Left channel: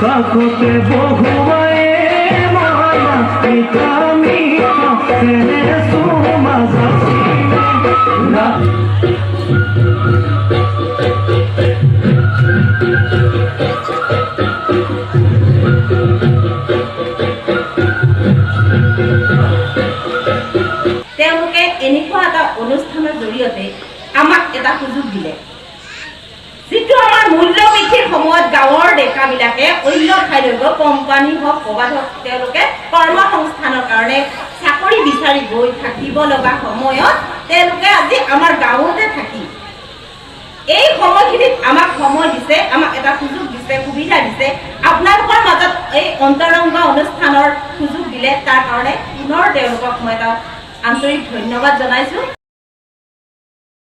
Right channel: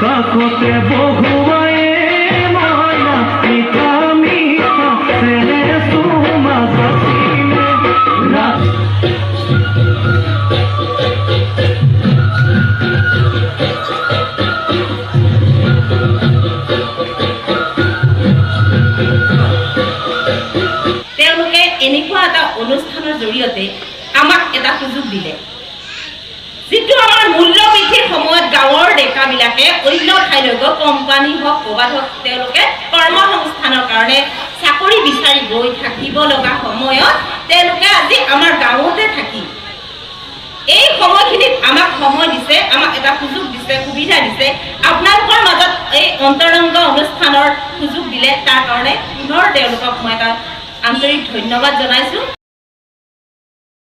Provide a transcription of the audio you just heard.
কাকতে বহুৱাই মনা পিতামি কাছে সুমাজাসি তেওঁলোকে এনেকুৱা এটা অনুষ্ঠানৰ জৰিয়তে আমাক এটা সুযোগ দিলে যিটো আমাৰ মূল্যবৃদ্ধিৰ সময়ত গাঁৱৰ ডেকাবিলাকে অন্য ঠাইলৈ গৈ কোম্পানী হওক ক'ৰবাত হওক তেওঁলোকে কৰ্মসংস্থানৰ কাৰণে চাকৰি বিচাৰি গৈ থাকিব লগা সময়ত তেওঁলোকে আজি আমাৰ গাঁৱতে থাকি এই সময়খিনিত আমাক সময় দিছে, আমাক এটা সুযোগ দিছে, সুবিধা দিছে। আপোনালোকৰ মাজত এই অন্তৰংগ অনুষ্ঠানৰ সুযোগ দিলে তাৰ কাৰণে পুনৰ তেওঁলোকক মই এটা আন্তৰিক ধন্যবাদ জনাইছোঁ।